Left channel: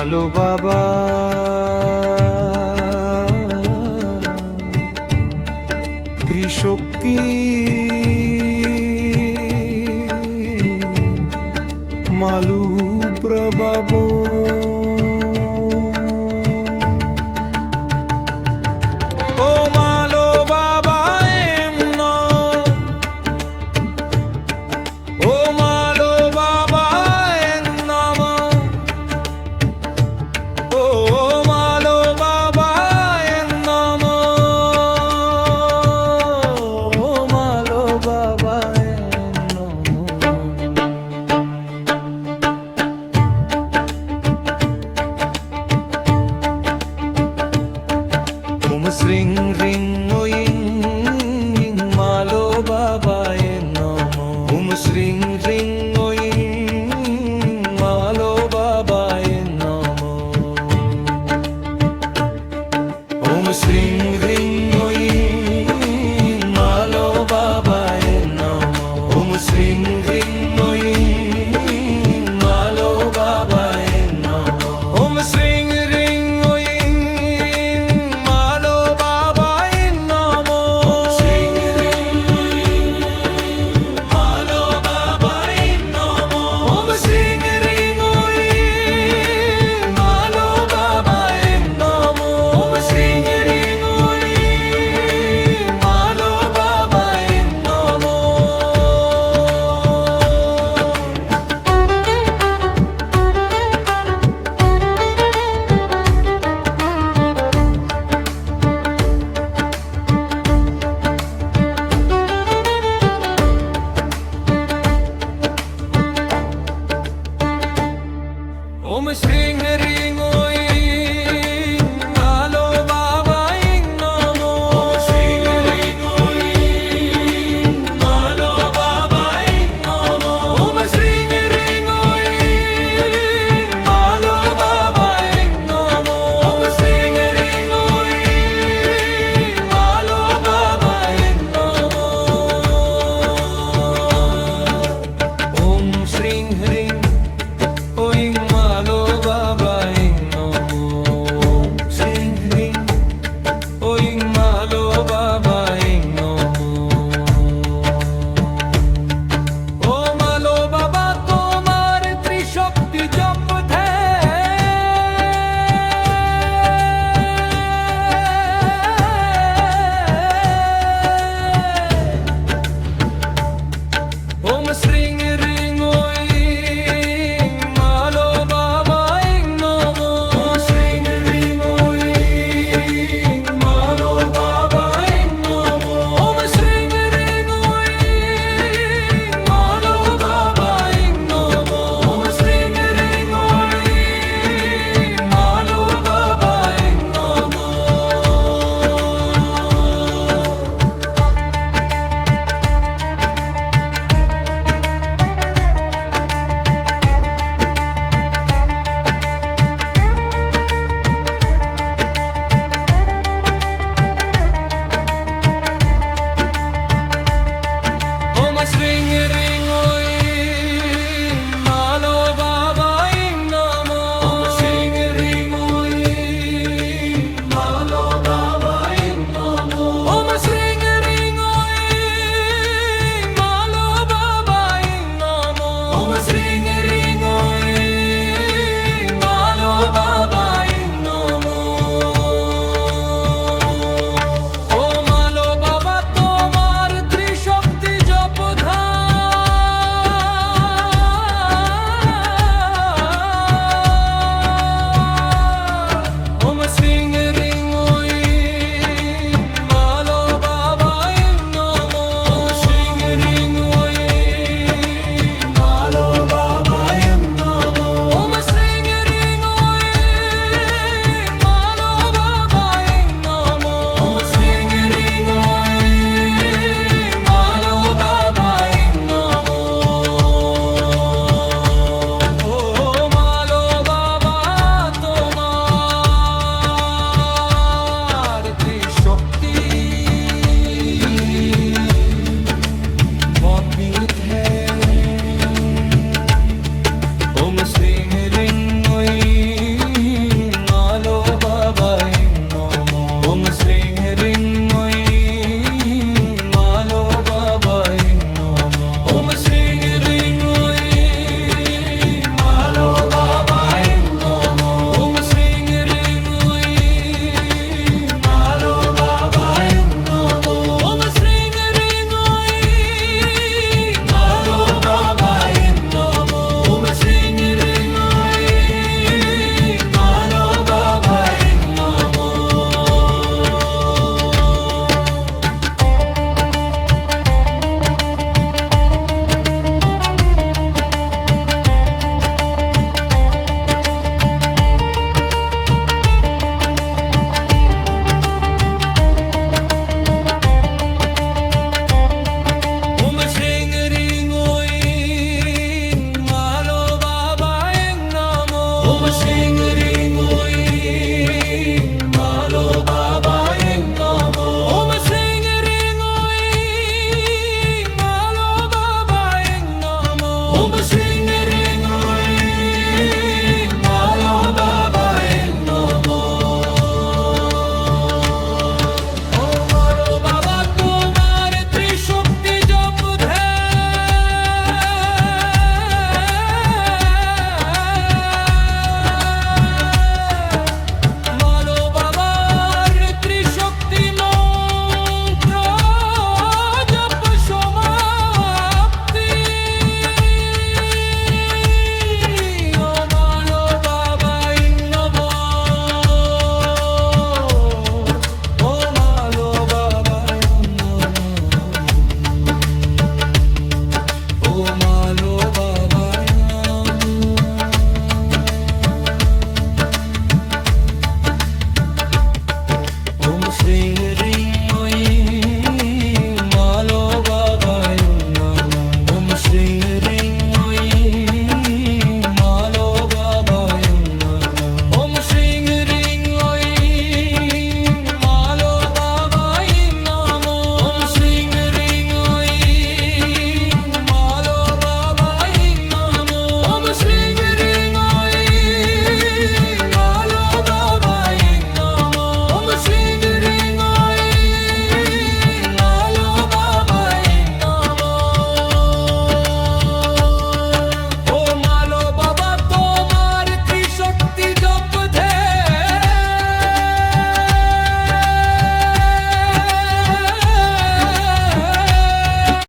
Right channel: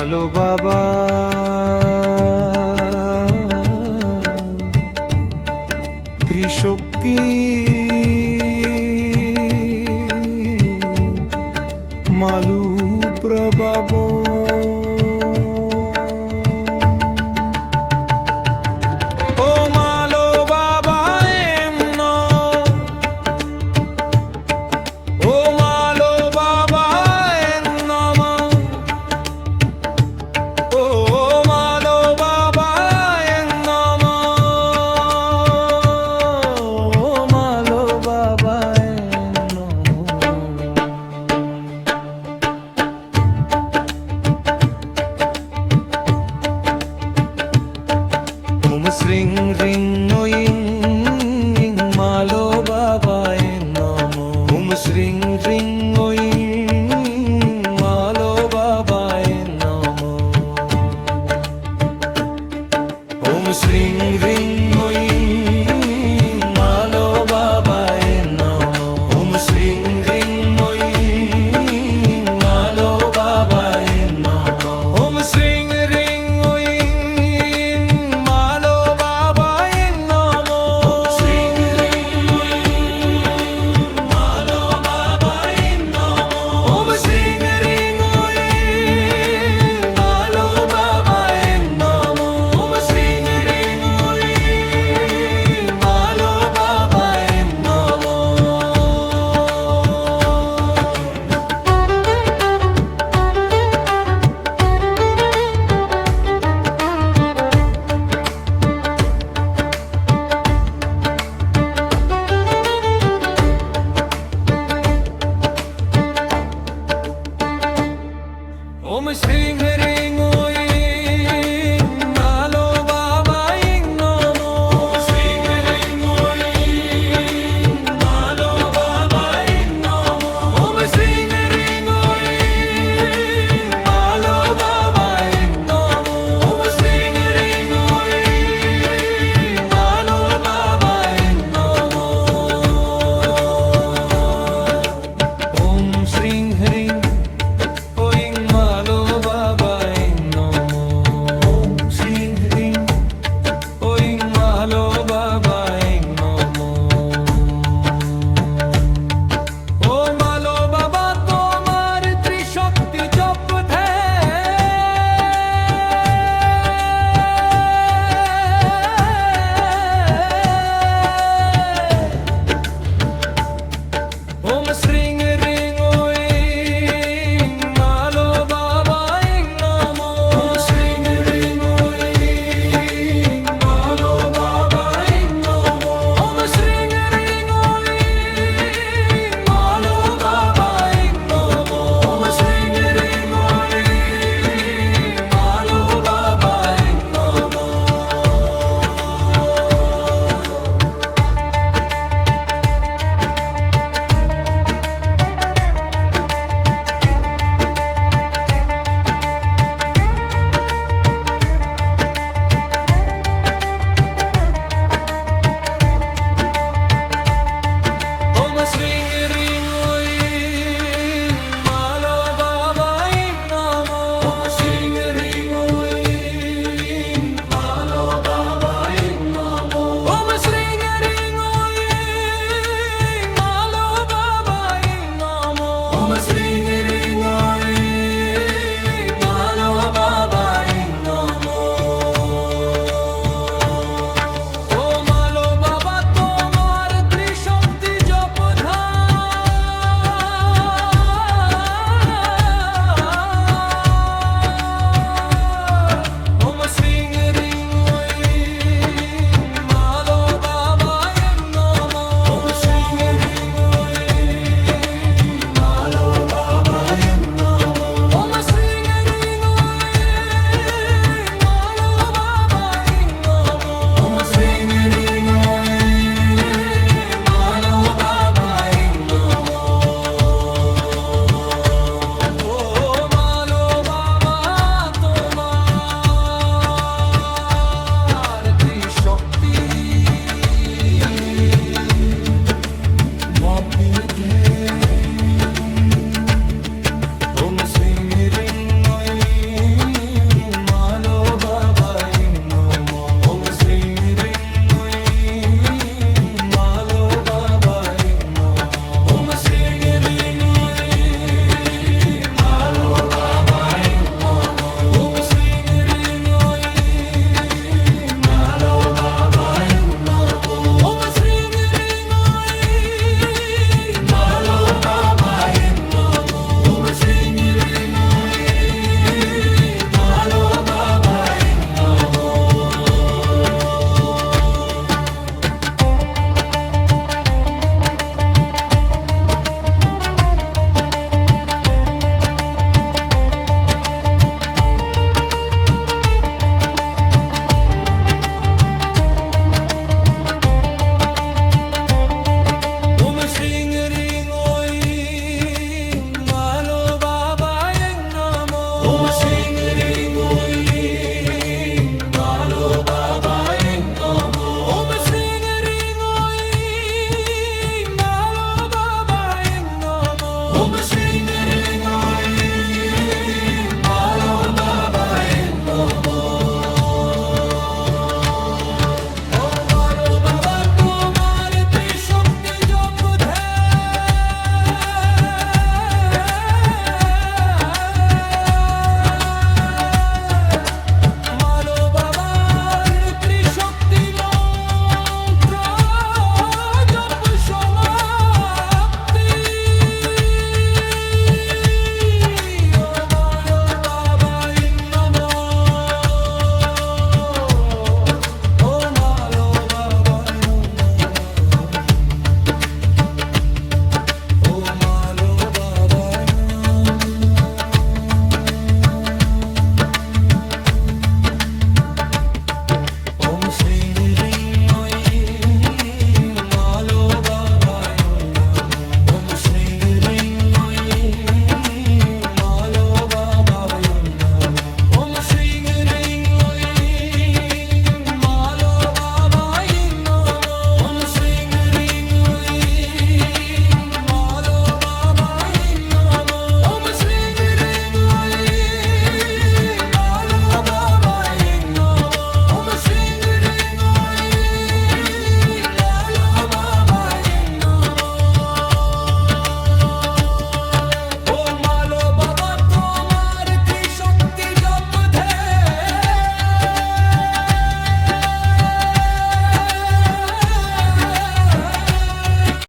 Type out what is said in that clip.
আলো বাবা। কৃষকি মালু প্রবাবো বাবায় নম। ওম shreem shreem Industry. swing it Yeah.